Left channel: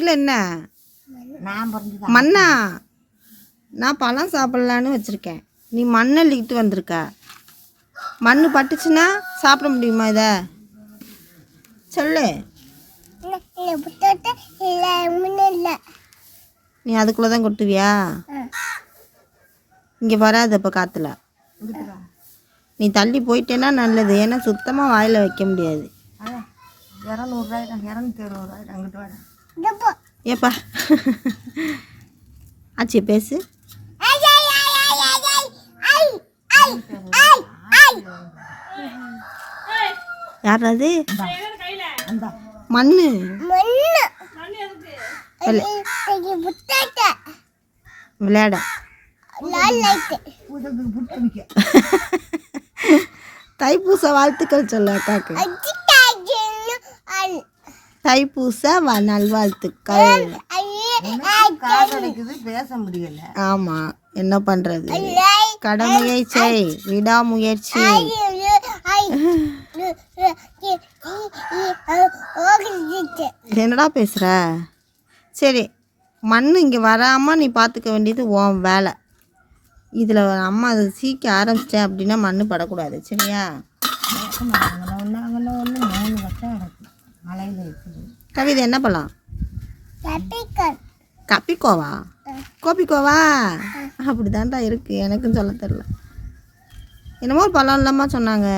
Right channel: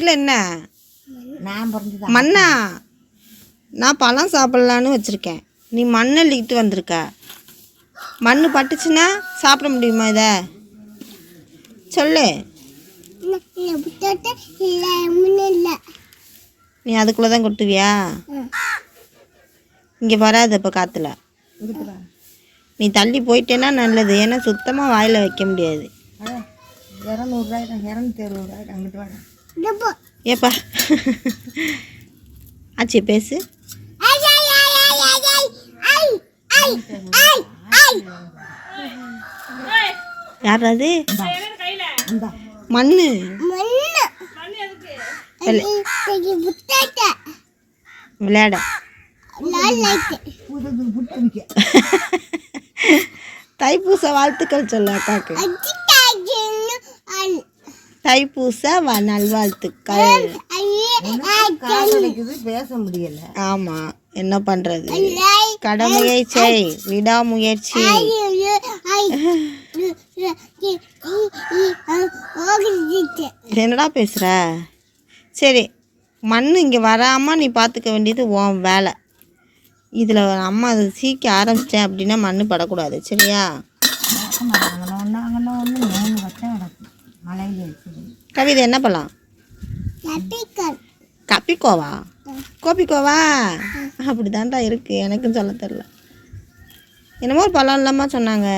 கையில் என்ன? நான் பிறந்து மண்ணா? நான் பழம் சாப்பிட்லான்னு வச்சுருக்கேன், நீ மண்ணள்ளிக்கிட்டு வந்திருக்க. மண் பட்டுச்சுன்னா சாப்பிட முடியுமா இதை? சொல்லு. நீ அதுக்குள்ளே தான் கொட்டுவியா? இங்கே வராது இப்போ காற்றுல. நீ தள்ளி போயிட்டேன்னா நல்லது, ஏன்னா சுத்தமாக வாயில் வைக்க முடியாது. 200 260 அங்கிட்டு வாடா. ஏப்பா ஆச்சி பேசு. யாராவது மண்ணு விளையாட தைப்பூச வாழ்த்துக்கள் சொல்லு அக்காக்கு. தைப்பூச நல்வாழ்த்துக்கள். பேச முடியல. ஆமா, என்ன பண்றது, கடமையை செய், விடாமுயற்சி. என்னடா பேசுற? சரி, மண் இங்கே வராமல் நீ பார்த்துக்க வேண்டியது உன் வேலை. இதில் அம்மா அதை சீக்க ஆரம்பிச்சிட்டேன் அப்படின்னா மண் படக்கூடாது, சரியா? கவிதை என்ன பழம்? கப்பிக்கோவா? கோபிக்கோவா? அப்படி தான்டா இருக்கு, எனக்கும் சொல்ல தெரில. என்னமோ ஒரு பழம் இல்லாமா சொன்னாங்க,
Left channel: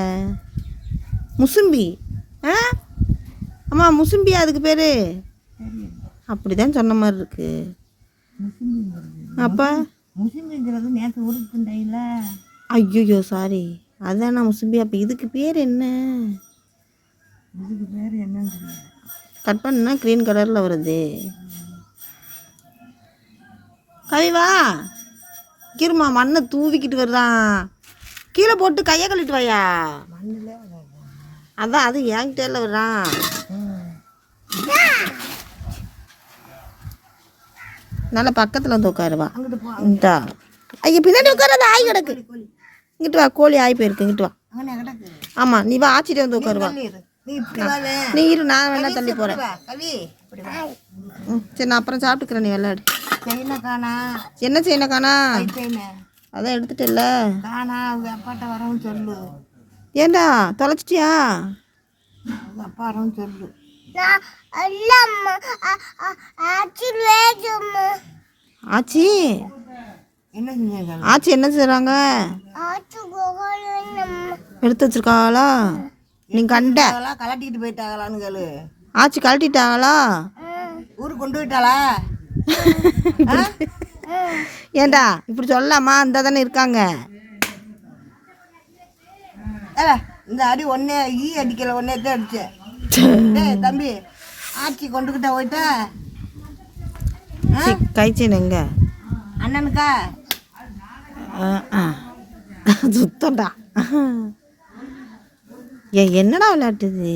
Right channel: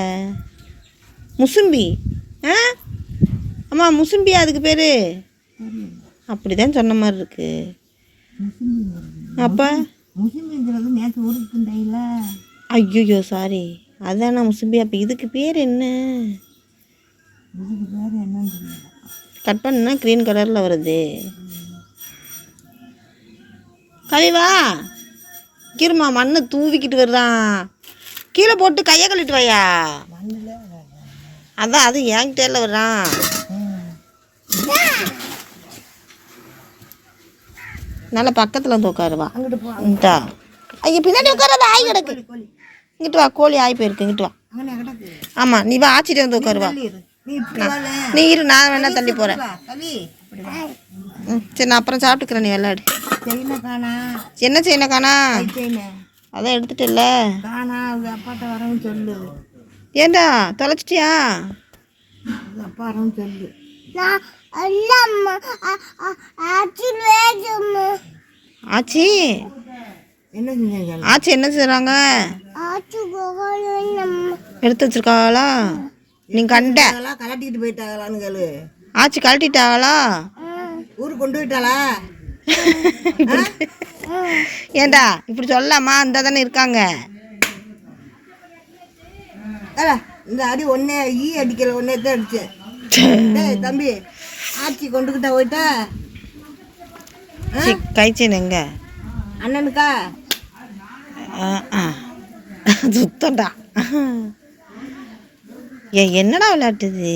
முசும்பி. அம்மா முசும்பி அதுக்கு பேர்? அப்படி தான் சொன்ன மாதிரி இருக்கு. அப்போ முசும்பிங்கிறது நேற்று ஊருக்கு. ஐயோ சாரி, அதானா முசும்பி. அப்போ இதுக்கு பேர் என்ன? இதுக்கு பேர் என்னன்னு கட் பண்ணா க்ரீன் கலரில் வருது. கவிவா கிருமா, மண்ணை தூவிக்கிட்டு வர்றான். கீழே போட்டு கையை கழிட்டு வையா. அதான் அது என்கிட்ட வர்றான். நல்லா பக்கத்தில் வந்து உட்காருவா. இந்தா ஐயா பின்னாடி உட்காராத, ஆய் கிடக்கு. இங்கிட்டு வா, கோழி ஆய் போயிருக்கு, இங்கிட்டு வா. ஆமாம், நீ வா, ஆச்சிட்டு வந்து உட்காருவா. நீ இரு, நான் வேணா தள்ளி போகிறேன். சரி, நான் அப்புறம் சாப்பிட்டுக்கிறேன், நீ விளையாடு. என்ன செய்யணும் காணா? அதான் எடுத்துட்டு இல்லை அப்பாட்ட வரவும் சொல்லு. ஏண்டா தொலைச்சிட்டியா? அப்பா வரவும் சொல்லு. ஆச்சி என்ன செஞ்சாங்க? ஆச்சி என்ன செய்கிறாங்க? எடுத்து வச்சிருக்காங்களா? நீ கண்ட கலட்டிக்கிட்டு போயிட்டாங்களான்னு கேளு. ஆச்சி கழட்டிட்டாங்களா? ஊருக்கு கொண்டு போயிட்டாளா? ஏண்டா இப்படி சொல்லலாமா? இந்த தானே இருக்காங்க. இந்த அடி ஒன்னே அடிக்கல, ஒன்னே தான் அடிச்சேன். தம்பி ஆச்சி கொண்டுக்கிட்ட போயிட்டா. கைச்சேன் எங்க அண்ணனுக்கா? சுத்தம்டா. என்னடா விளையாட்டுது?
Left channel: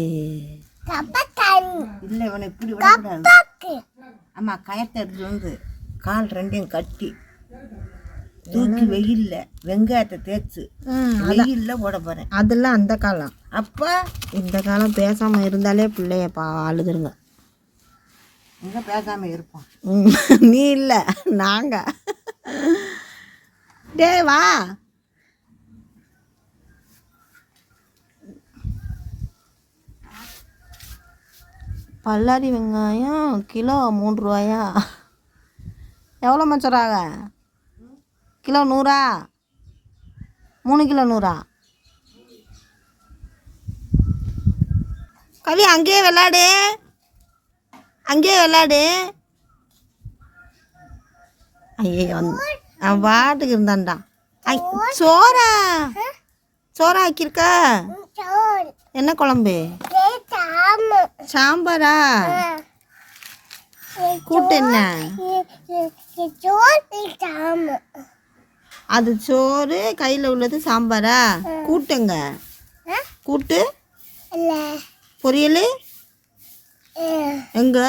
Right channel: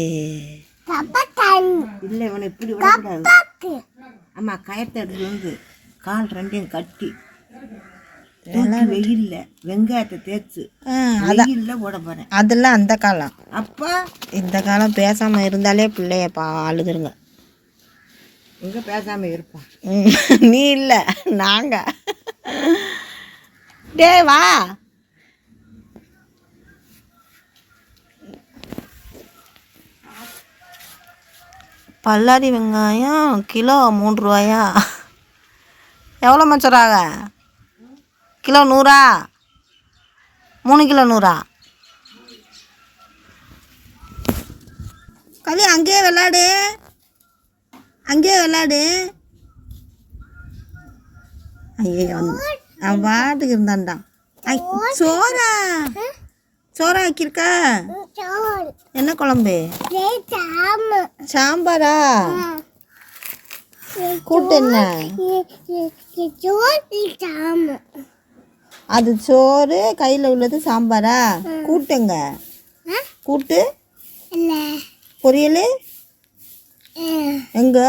இல்லை, இவனை இப்படி விடக்கூடாது. ஆமா, கயத்தை எடுத்து வந்து கால் ரெண்டையும் கட்டி வெயில்ல வெங்காயத்தை தேய்ச்சி வெயில்ல போட போறேன். அதெல்லாம் அந்த காலம். அப்போ இந்த காலம் பேசாம இருந்தாலே பிள்ளைய அழுதுருங்க. எங்க பேசாம இருப்போம்? நீ இல்லை, நாங்க. டே வா. பல்லாரி வெங்காயம் கிலோ 3 ரூபாயா? எவ்வளோ மச்சராக? கிலோ 100? 3 கிலோ 100? கவி அங்கேயே விளையாடு, அங்கேயே விளையாடு. ஐயோ, அவன் பாட்டுக்கு இருந்தான்டா. சோறா? சோறா ஆக்கியிருக்க? என்ன குழம்பு? சாம்பாரா? கூட்டு என்ன? அது சோறு, கையில் உள்ளது சாம்பாரா? கூட்டுங்க? கூட்டு பொரியல் எங்க?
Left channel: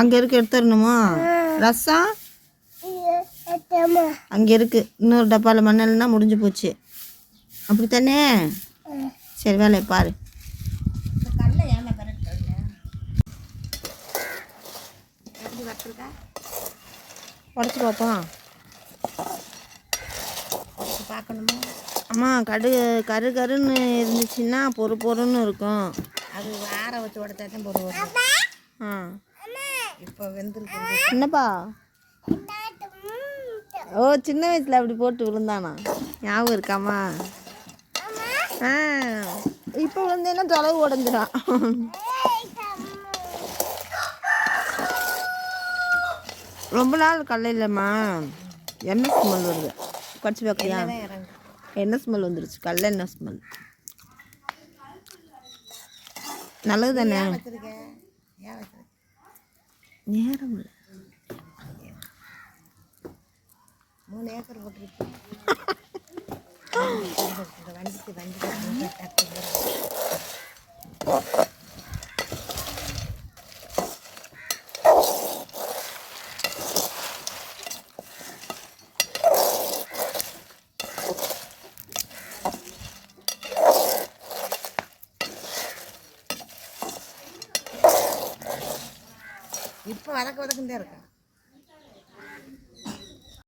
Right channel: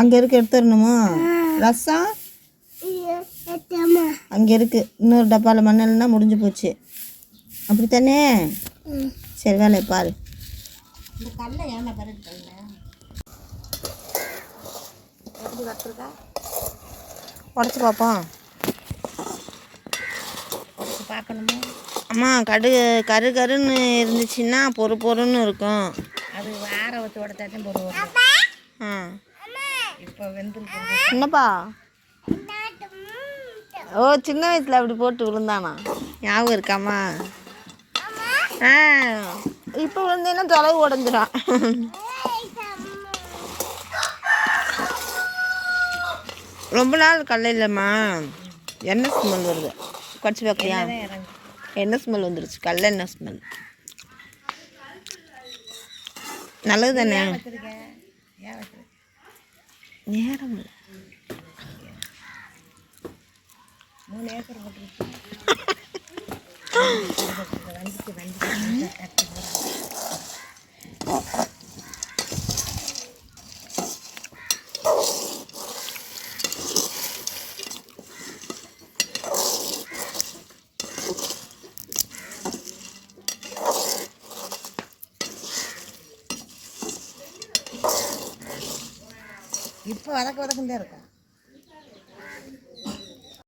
அங்கே இருக்கு, எடுத்துடணுமா? ரசம் அங்கே இருக்கு, இன்னொரு டப்பாவில் மண்ணெல்லாம் முடிஞ்சு போச்சு. அப்படித்தானே? சரி, வேலையை பாரு. நட்டுருக்கா உடச்சி பார்ப்போம். பார்க்கணுமா? அம்மா கரு கருன்னு இருந்துச்சுன்னா பொறுன்னு இருக்கும். அது ஆற வச்சு உடச்சா தான் பொருள். ஆ இப்போ வெந்திருக்கு. என்னப்பா? ஓ, சின்ன வயசில் அப்படி போட்டு விழுந்தானா? ஞாபகம் இருக்காம்மா? ஆ, இப்போ விழுந்தேன்னா தொலைவு உடஞ்சிடும். ரொம்ப நாள் கடல இல்லைம்மா, எண்ணெய் ஸ்மெல் வருது. கடிச்சு பார்க்குறியா? எண்ணெய் ஸ்மெல் வந்துருச்சு, கடல எண்ணெய் ஸ்மெல். நல்லது தானே? நேரம் இல்லை. 3 ஏக்கர் போட்டுருக்கு. இப்போ வதக்க தான் இருக்கும்.